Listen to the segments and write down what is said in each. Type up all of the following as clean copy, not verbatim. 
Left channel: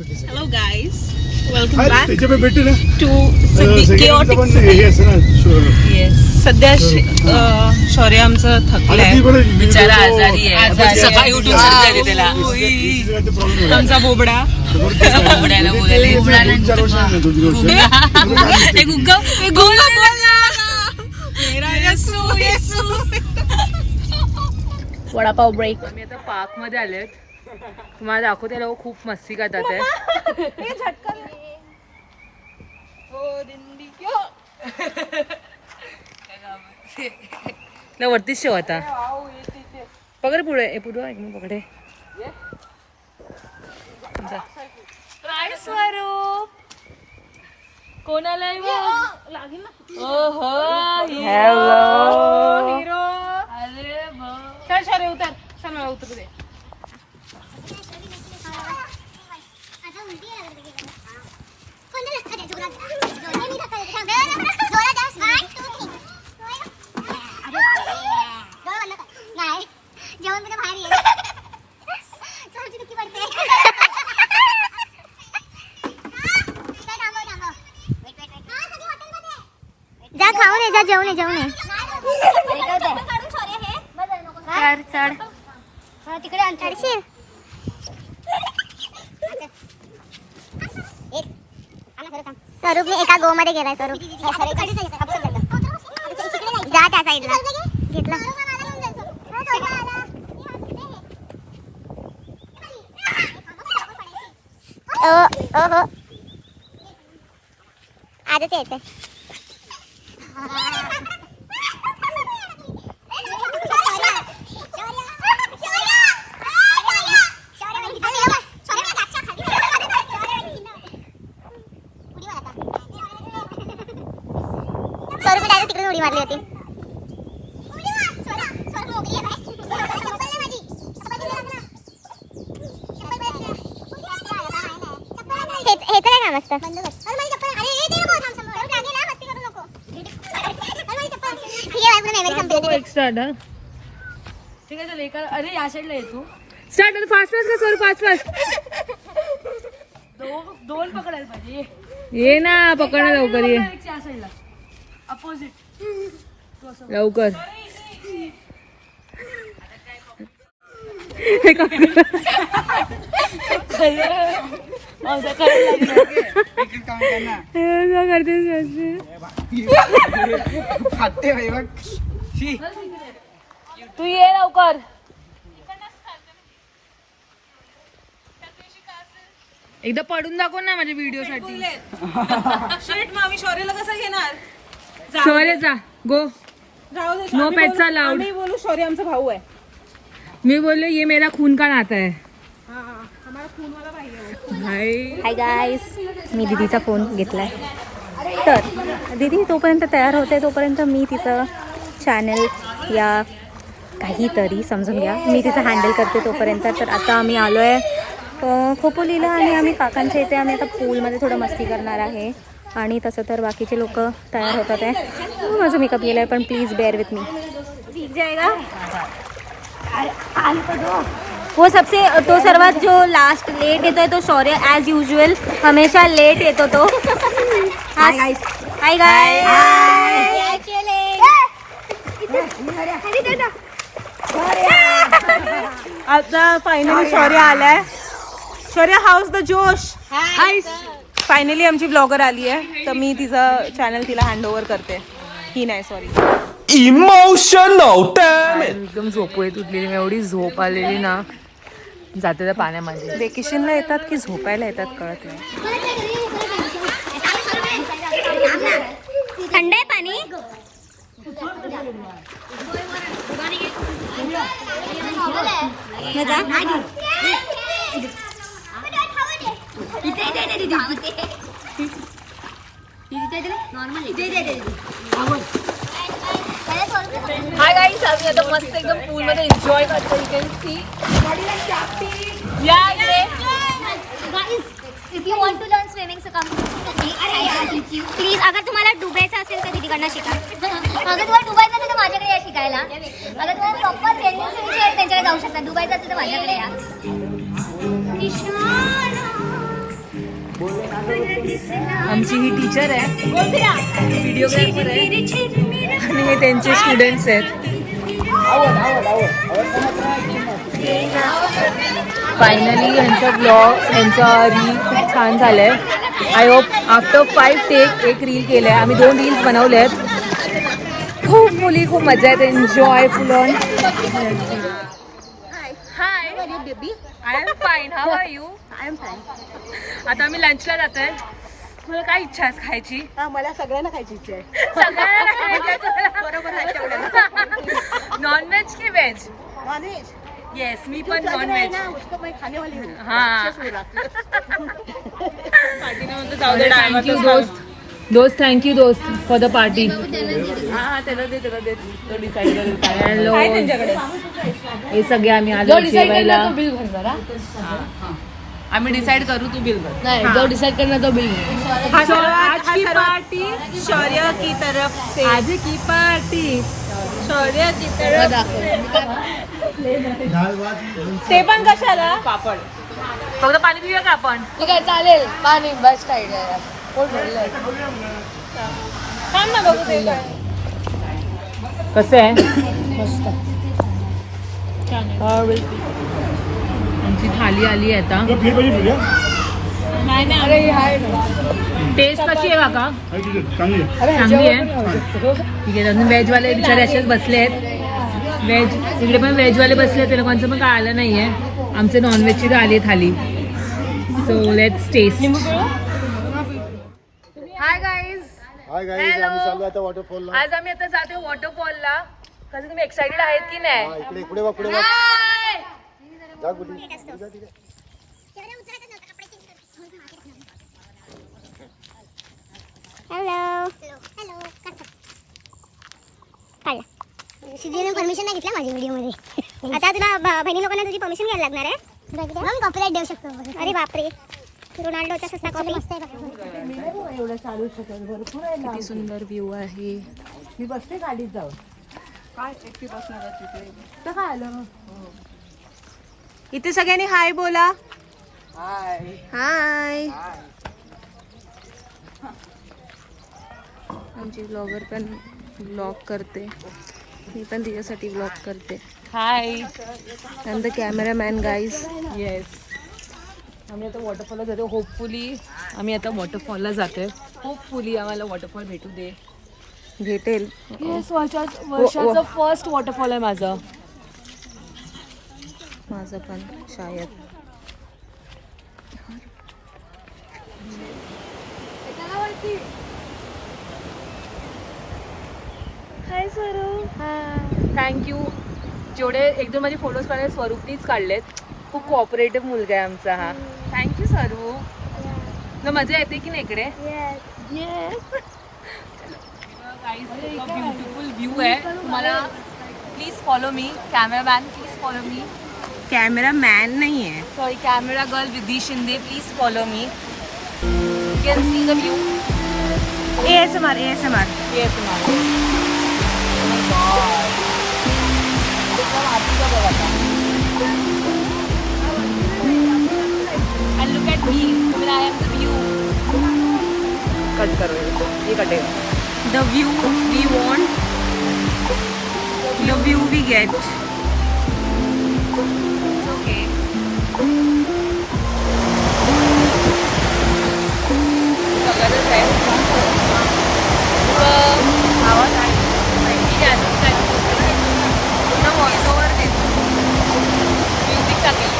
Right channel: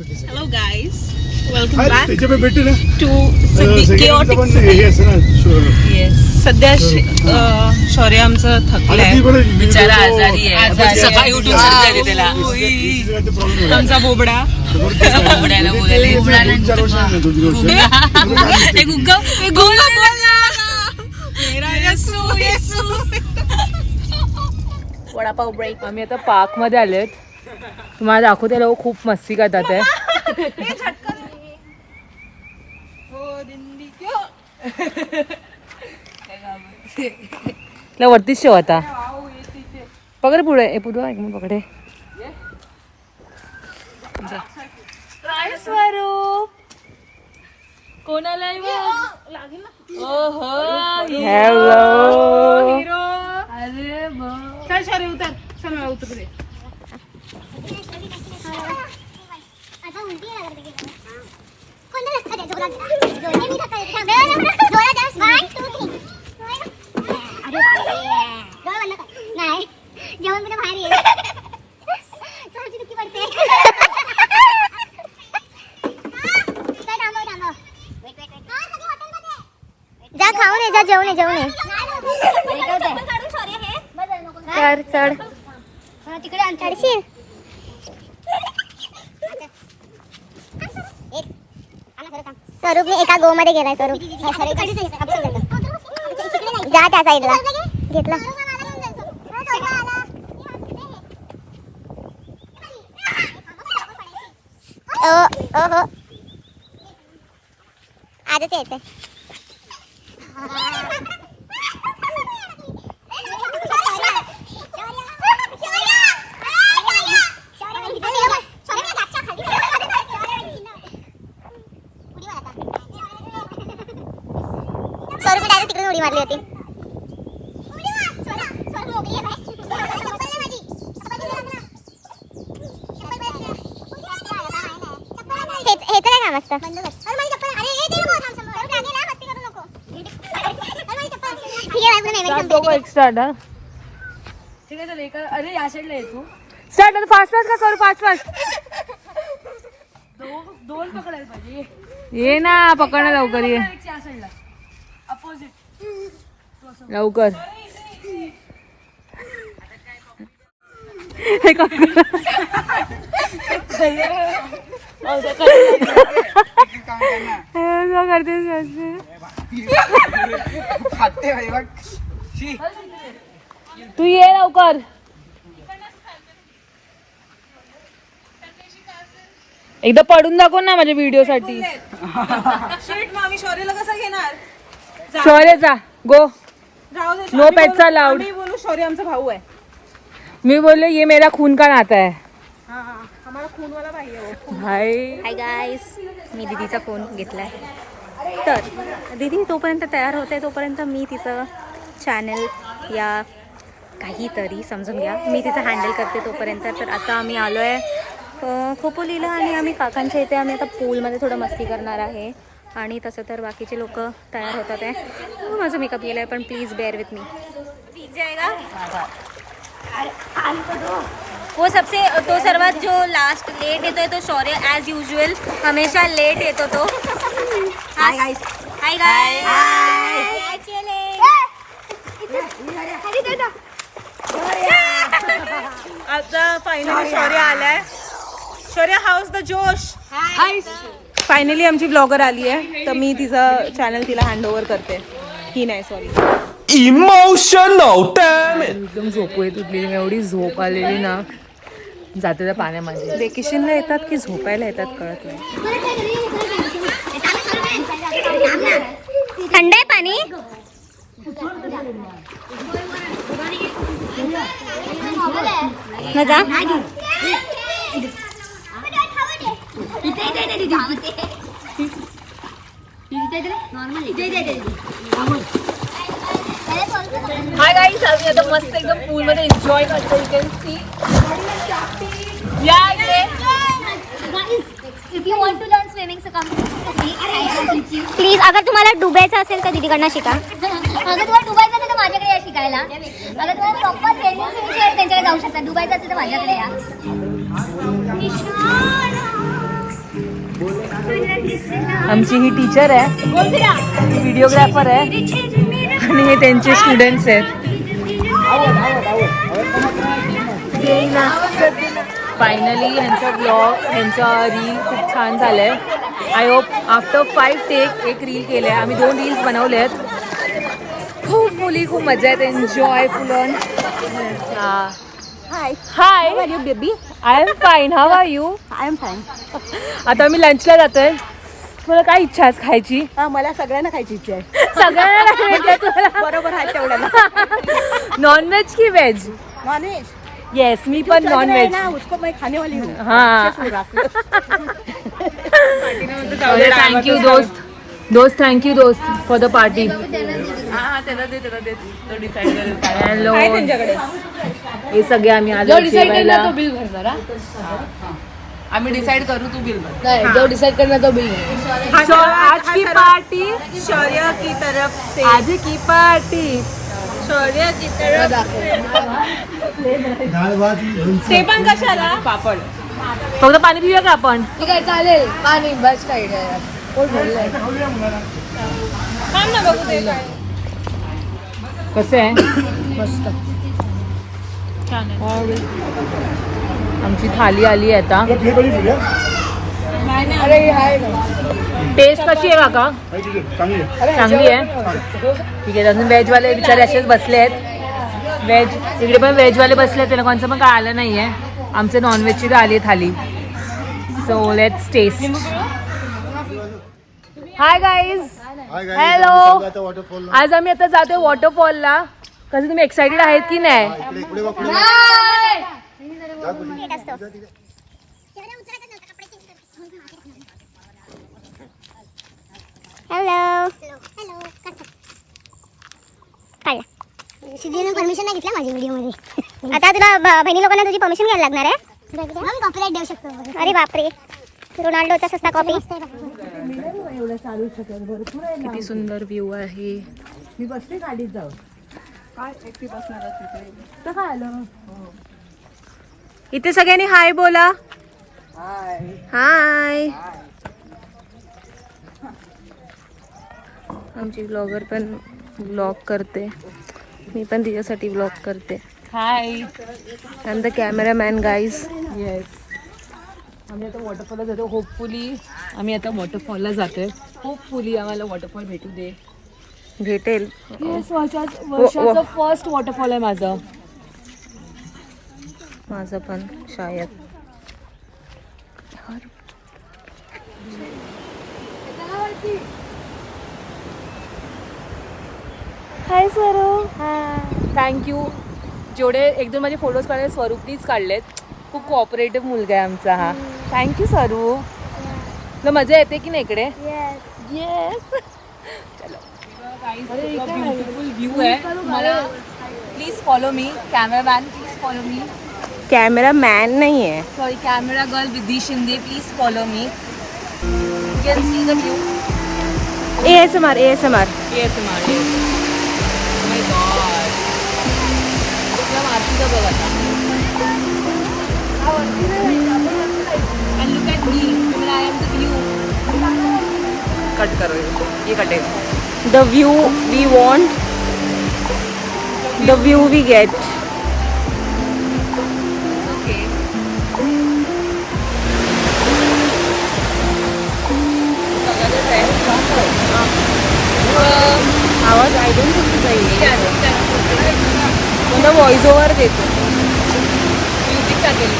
Hello guys, welcome back त्याच्या पे भेटते ना to chaotic Yes. सध्या शौर्य आमचं थकलंय, बिचारा आजारी आहे. सकाळी उठून सर्दी त्याला. आमचा बोबडा बोबड्याला बोलायला वडापाव ब्रेक. आम्ही आता पार्क मध्ये आलेत. तुम्हाला दाखवते, लोक खूप मस्ती करतात आहे. वरतीच शेव आता पकडे पुढे पुढे पकडे काय स्वरूप कोणाला हॅलो अरे चल शौर्य उतर, चल मला उतर पुढे. जेवण बाहेर ये पडते. जा खाऊन ये, जा जेवण ये, जेवण ये. चढ चढ तिकडे चढशील. स्वरूपने एका गो मध्ये गेलाय. स्वरूप जा त्या साईडला. घेतला. आजच यायचंय. स्वरूप डायरेक्ट तिकडे उडी मारली होती. हे तर काय काम असतं. स्टार्ट. ठीक आहे चल. एका अरे या साईडला ये तू. स्टार्ट. फास्ट फास्ट का करू. Fast fast. दोन पकडायला पाहिजे. ये ना पकडणं लवकर. ये अपोजिट लवकर. तू ये लवकर. एकदा पडून दाखव ना माझ्या व्हिडिओ साठी. शेट, मग आम्ही शौर्यला कसं घेणार? शौर्य जा गो. जाऊ दे. No pets allowed. आम्ही बोलू शौर्य आमचा भाऊ आहे. मी बोलले ये मेरा खून का नाता है. आम्हाला खूनवाला पाहिजे. हाय गाईस, मी दीदीचा फोन घेतलाय. तर दीदी तोपर्यंत तयार होते, तोपर्यंत मी तिचं चॅनल या काहीतरी समजून घ्या, मी तिचं हँडल करते तोपर्यंत. तर आता आम्ही आलो आहे खोपोलीला आणि आम्ही काकांच्या इथे आम्ही आता पूलमध्ये थोडं मस्ती करणार आहे. आणि तसं तर बाकीचे लोक तयार होतात आहे. माझं मेकअप केलं आहे, पण प्लीज बेअर विथ मी. भीग जाएगा. वो सबसे तो सर्वात जो लास्ट लेट येतोय तो शौर्य ॲज युजल हमेशा लेट येतो तो. Hi guys. Hi guys. आता फायनली शौर्य आलाय. शौर्य, हाऊस द जोश. फायनली आमची ब्लॉगर आली आहे, तर मी तिचं चॅनल तिला हँड ओव्हर करते. ही नाही, सॉरी. Emotional dam. एकदम झोपू येत उठलेली मी. एवढी झोप आलेली ना. जाते त्या पाण्यामध्ये. वेकेशनला येतात की झोपायला येतात कळत नाही. थंड आहे पाणी. हाय गाईस, आम्ही आता मस्त एकदम पूल मध्ये एन्जॉय करतो. You can see. या इकडे. If you want to learn swimming, so come to me. Please, अगर तुम्हाला डुबायचं असेल तर दीदीकडनं शिका. अगर तुम्हाला डुबायचं असेल तर माझ्याकडे या शिकायला. अगर तुम्हाला प्रॉपर ट्रेनिंग घ्यायची आहे त्यांच्याकडे जाऊ शकता. डुबायचं असेल तर माझ्याकडे या. आमची ही टीचर आहे, व्हिडिओग्राफर आहे आणि हे त्यांचे स्टुडंट्स आहेत. फायनली ह्यांचा ब्लॉग, ह्यांचा रील खूप छान झालाय. आय होप आफ्टर 5 टेक एक रील केलंय. आम्ही 2 रील्स बनवले आहेत. खूप मुली, खूप मजा येते. Enjoy full on. Hi you baby. I am fine. How are you? I am fine. आता आम्ही लंचला जातोय. तुला काय इच्छा आहे खायची? मला सगळ्यांना खायची इच्छा आहे. सगळ्यांना खायची तुला? बरोबर आहे तेवढ्याला. नॉनव्हेज की व्हेज? नॉनव्हेज. येस, मी पण नॉनव्हेज. उसको मैं खाने वाली हूँ. हाँ. थँक्यू दोस्त थँक्यू दोस्त फॉर द पार्टी. हे सगळे आम्ही आलो. आम्ही डिसाइड करू, तू बिल नाही, जो डिसाइड करना तो बिल. आज की पार्टी शौर्य की तरफ से. आज की पार्टी शौर्य की तरफ. ते पण कशाला? पापड. फक्त पाणी पिऊया का आपण? ठीक आहे, चालेल. पाणी बस काय पोट भरलंय. कसे आहे? मस्त. आमची थाली आली आहे आता. अरे हाय ना. टेस्ट कशी आहे काका? अरे चांगली आहे. ठीक आहे. अजून व्हेजवाले बिचारे असेच बसले आहेत. व्हेज इकडे पण व्हेजवाले बसले आहेत. त्याला कोणचं पण काय आलं नाहीये. आमचे नॉनव्हेजची तर आली आहे थाली. So let's taste. Hi guys. Hello. आज आम्ही आता जातोय वॉटरफॉलला. कसं तुम्ही एक्साइटेड आहेत की नाही? हॅलो. काढला. सिद्धीने परमिशन नाही घेतलं माझी व्हिडिओमध्ये. आता तुला बहिणी लोकांना तुझी परमिशन घ्यायला लागणार आहे. मग कॉपीराइट देऊ शकतो. अरे बापरे. रोनाल्डोचा सस्ता कॉपी. किती सुंदर व्ह्यू आहे. मी बसते गाडीत जाऊ. काय एकटी बसणार तिथे? काय आलं? इथे सगळ्यांनी हाय बोला. हाय. आमची ब्लॉगर पण ब्लॉग करते. मी पण तिच्यासाठी ब्लॉग करते. Hi. I am the cameraman guys. Yes. आम्ही आता वॉटरफॉलला जातो. होपफुली आम्ही आता वॉटरफॉलला जातोय. होपफुली आम्हाला वॉटरफॉल भेटू दे. भेटेल. येस, वर्षाचं फर्स्ट वॉटरफॉल आहे माझं. माझं पण शायद. हाय स्वरूप. थँक्यू. जेवढे 1-2 माझे फोटोज काढले स्वरूपनीच काढलेत. खूप कोऑपरेटिव्ह मुलगा आहे आमचा हा. थँक्यू स्वरूप. तुला मजा येते की नाही इकडे? येस. चलो ब्युटिफुल व्ह्यू आहे. तुम्हाला please follow me. Cameraman please follow me. Cameraman नाही आहे, सॉरी, कॅमेरा गर्ल विधी Shinde. Please follow me. You can see the view. ASMR. And look at me, when I am the view. The view we want, the view we get. It's okay. आवाज I don't know to say. कोणता voice over देतो. Music टाकेल.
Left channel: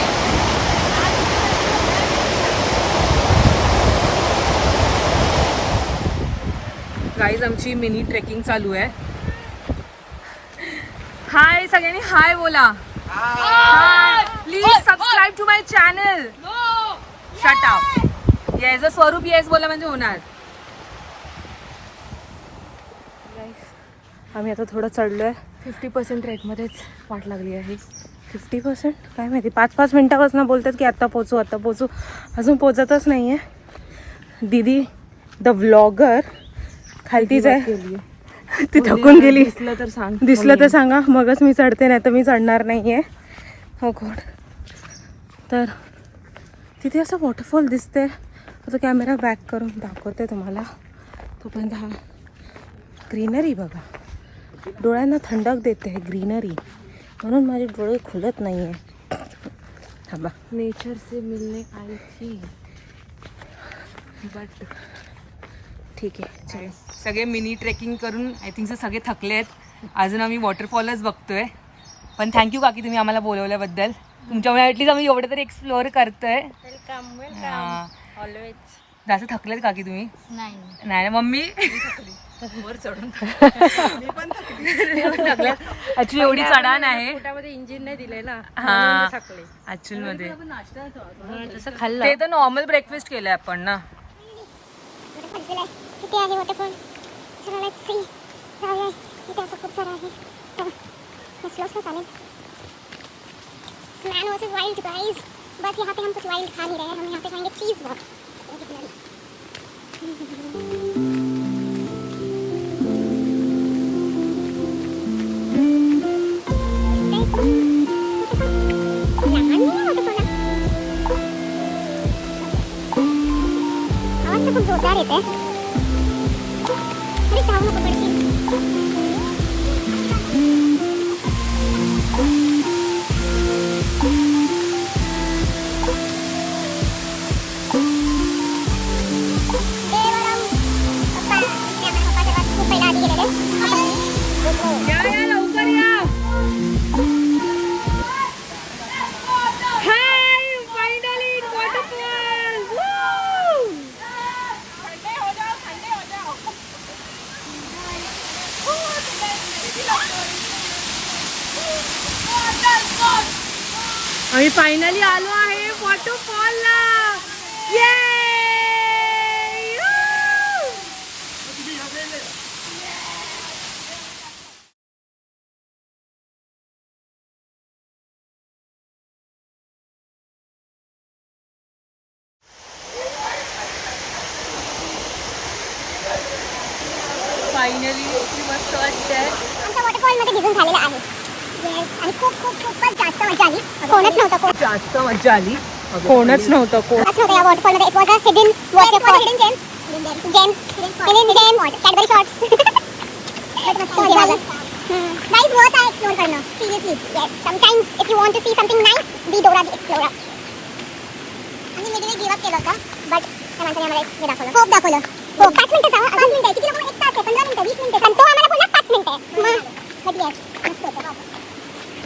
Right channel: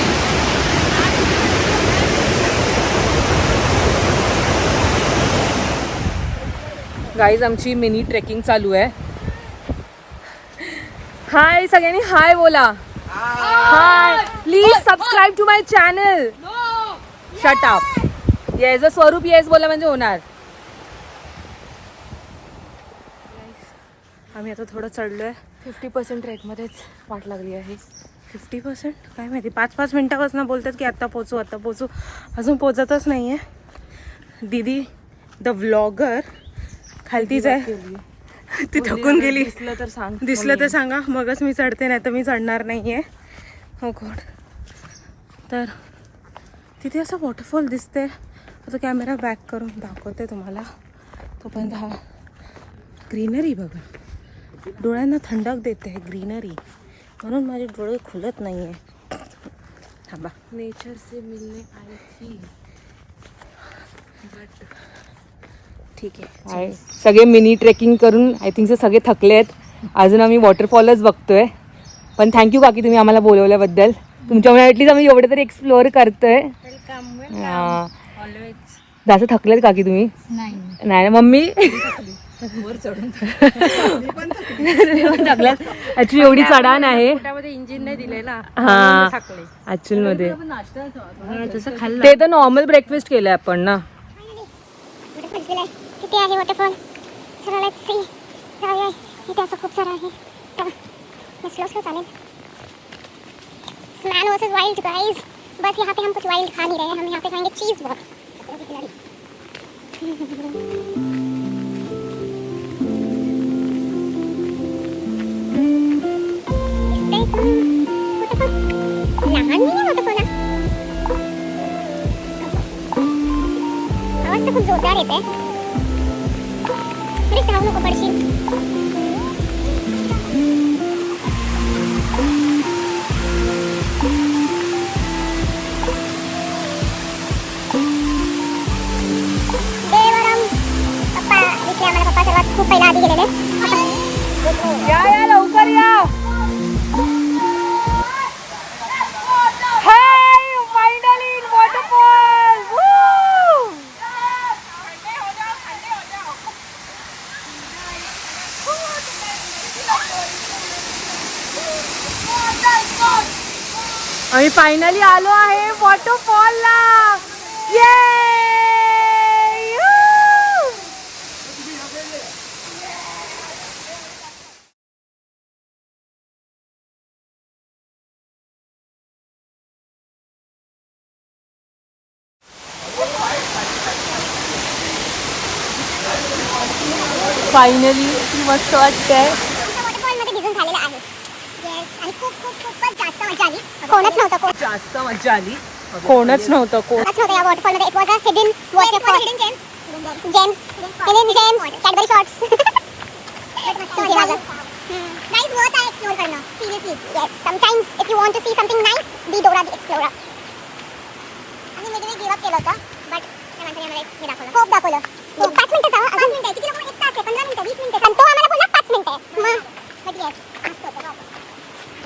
Guys आमची mini trekking चालू आहे. Hi सगळ्यांनी hi बोला. Hi. Please subscribe to my channel. Shut up. Yes. Swaroop yes बोला म्हणजे होणार. आम्ही आता थोडं चढलोय. 50% रेटमध्येच वाट लागली आहे. 50% काय माहिती. 5-5 मिनिटापासून बोलतात की आत्ता पोचू आत्ता पोचू. अजून पोचतच नाही आहे. दीदी द व्लॉगर खालतीच आहे. ती थकून गेली. दिसलं तर सांगा, मगच मी चढते, नाही तर मी चढणार नाही आहे. हो गॉड. तर तिथे असं वॉटरफॉल दिसते. आता कॅमेरा बॅक करून दाखवते तुम्हाला. तोपर्यंत हा ग्रीनरी बघा, डोळ्यांना थंडक देते ग्रीनरी, म्हणून माझे डोळे खुलत नाही आहे. थांबा. नेचर से मिलने आई थी बट ठीक आहे. सगळे मिनी ट्रेकिंग करून आय थिंक सगळे थकले आहेत. अजून आम्ही वॉटरफॉलच बघतोय. पण थँक्यू काकी तुम्ही आम्हाला बोलवल्याबद्दल. तुमच्यामुळे ॲटलीस्ट आम्ही एवढं तरी एक्सप्लोअर करतोय. जास्त थकलेत काकी तुम्ही? नाही ना मम्मी? थकल्यात ऍक्च्युली, एवढी चढाण आहे. हा ऍक्च्युअल मध्ये ते तर नॉर्मल ब्रेकफास्ट केलंय आपण ना. किती आहे वॉटरफॉल? चला लेट्स सी. जाऊया. इथे असं खूप सारं आहे. स्लो स्लो चालेल. Man versus wild guys. बस यहाँ पे हम कुछ वाइल्ड खा नहीं रहे हैं, हम यहाँ पे खाएंगे चीज बॉल. आवाज तो खूप जोरदार येते. प्लीज धावू नको पडशील. खूप पहिला आधी गेलेले. या लवकर या. आम्ही फायनली आलो आहे वॉटरफॉलला. फायनली मस्त वाटतंय. आमच्या वॉटरफॉल मध्ये भिजून झालेलं आहे. येस, आणि खूप खूप खूपच जास्त मजा आली. कोणच नव्हतं. जास्त मजा आली. कोणच नव्हतं. नव्हतं या वॉटरफॉल मध्ये. It was a hidden waterfall. Hidden gems Cadbury shots. Guys worth आहे एक्सप्लोर करणं. Seriously. Yes, sometimes if you want to see something nice, be Dora the explorer. आणि मी गिव अप केलं होतं, बट त्या माणसाने आम्हाला हे दाखवलं. खूप दाखवलं. हो, 5 मिनिटं जाऊ. 5 मिनिटं किती लोकांना? 1 तास आहे, 15 मिनिटं, 20 मिनिटं. पण तो आम्हाला बोलला 5 मिनिटं. मग येस, मस्त होतं.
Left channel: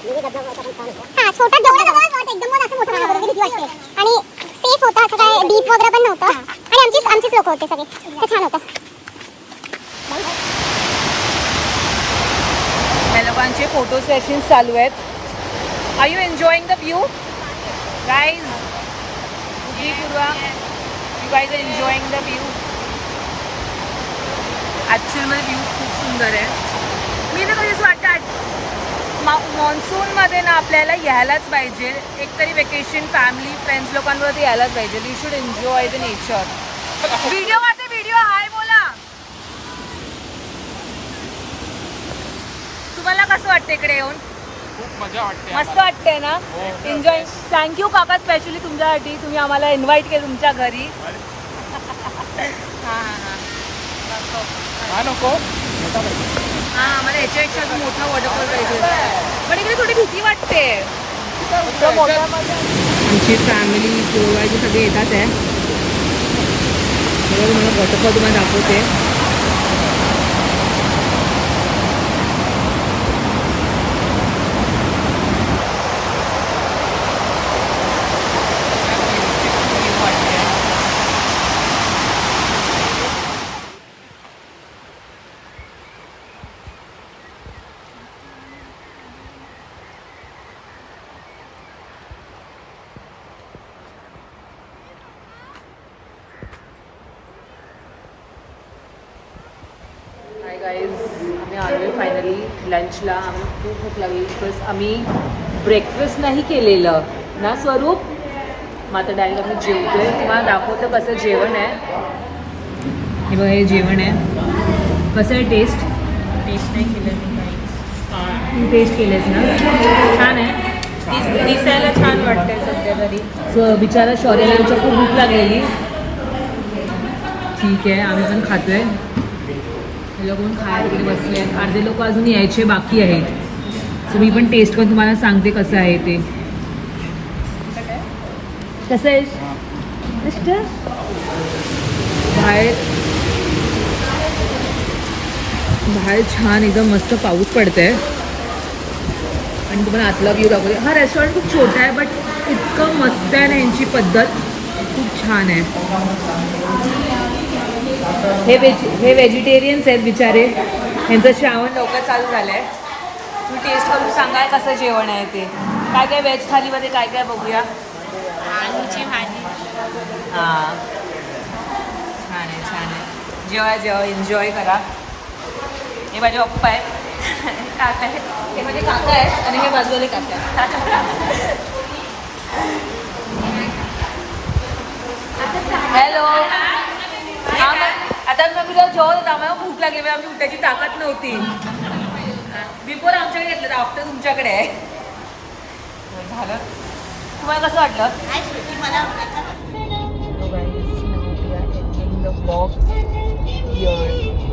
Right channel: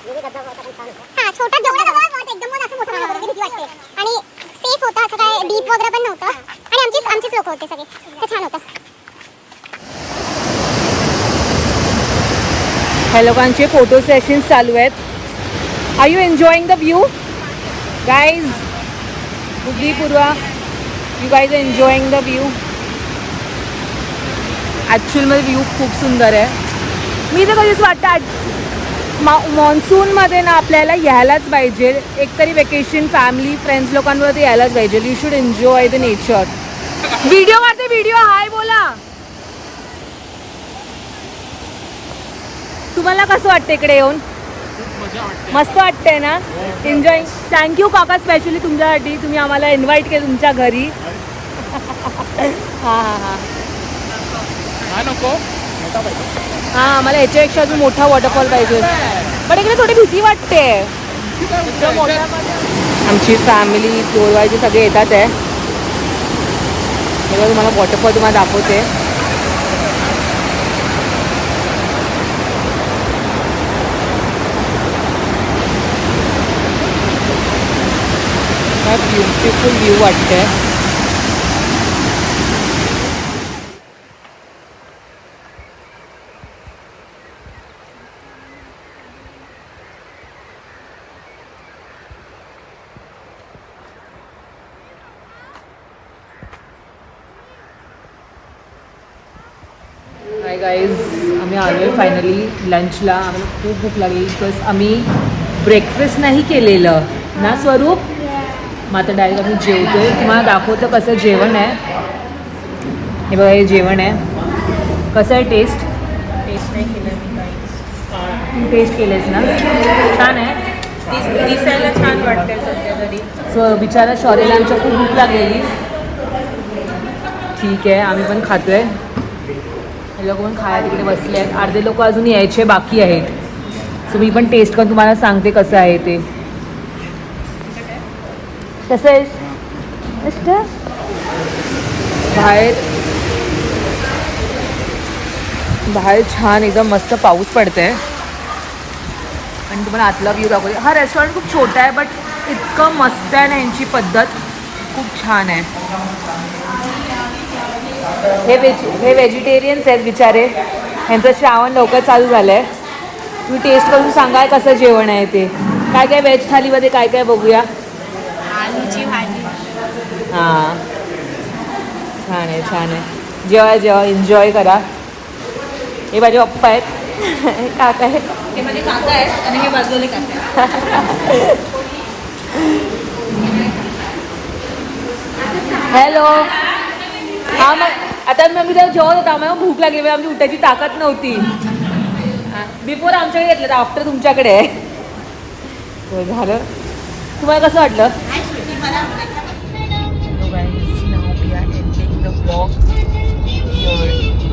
हा, छोटा जेवढा एकदम असं मोठं वगैरे भीती वाटते. आणि सेफ होतं, असं काय डीप वगैरे पण नव्हतं. आणि आमचीच लोक होते सगळे. तर छान होतं. ह्या लोकांचे फोटो सेशन्स चालू आहेत. Are you enjoying the view guys? Buddhi Purva, you guys enjoying the view? ॲक्च्युअलमध्ये व्ह्यू खूप सुंदर आहे. मी तर कधीच वाटतं मॉन्सूनमध्ये ना आपल्याला यायलाच पाहिजे. एकतरी वेकेशन फॅमिली फ्रेंड्स लोकांवरती यायलाच पाहिजे. You should enjoy the nature. Video काढते व्हिडिओ. हाय बोला. तुम्हाला कसं वाटतं इकडे येऊन? मस्त वाटतंय ना? एन्जॉय. थँक्यू काका, स्पेशली तुमच्यासाठी. तुम्ही आम्हाला इन्व्हाइट केलं तुमच्या घरी. हां हां हां हां, आम्हाला ह्याच्यापेक्षा अजून मोठा वॉटरफॉल पाहिजे. पण इकडे थोडी भीती वाटते. आमची फॅमिली गोरवायचे सगळे येतात आहे. तुम्हाला वॉटरफॉल तुम्हाला दाखवते. ब्युटिफुल व्ह्यू वाटतंय. हाय गाईज, आम्ही आलो आहे फायनली लंचला. आम्हाला खूप भूक लागली बिकॉज आम्ही ब्रेकफास्ट नाही केलेलं ना स्वरूप. मग आता डायरेक्ट आम्ही जेवतो आहे. तुम्हाला दाखवतं कसं जेवण आहे. हे बघा, हे जेवण आहे. कसं आहे टेस्ट? टेस्ट नाही केलं. टेस्ट केलेच ना? छान आहे. दिसायला छान वाटतं सध्या तरी. सो बिचारा शौर्यला खूप भूक लागलेली. ठीक आहे, आम्ही पण खातोय. हे लोक पण खायला तिकडे बसले आहेत. अर्धे लोक अजून यायचे बाकी आहेत. सो मी पण टेस्ट करून तुम्हाला सांगते कसं आहे ते. कसं आहे बाहेर छान एकदम मस्त पाऊस पडतंय आणि तुम्हाला आतला व्ह्यू दाखवते. हा रेस्टॉरंट खूप छोटा आहे बट इतकं मस्त आहे ना, यांची पद्धत खूप छान आहे. हे व्हेजिटेरियन्स आहेत बिचारे, यांचं श्रावण लवकर चालू झालं आहे. तुम्ही टेस्ट करून सांगा कसं जेवण आहे ते. काय काय व्हेज थालीमध्ये काय काय बघूया. हां छान आहे छान आहे. जेवा जेवा, एन्जॉय करा. हे माझे पप्पा आहेत, काका आहेत, हे माझे काका आहेत आणि हे बाजूला काका. हॅलो. हां मग आता मग मी जेव्हा जेवत होता आम्हाला भूक लागली, आमची उठायची ताकद नव्हती. बिफोर आमच्याकडे घेतलं, आफ्टर तुमच्याकडे आहे. झालं. तुम्हाला कसं वाटलं? Hello guys, now we are ending the vlog here.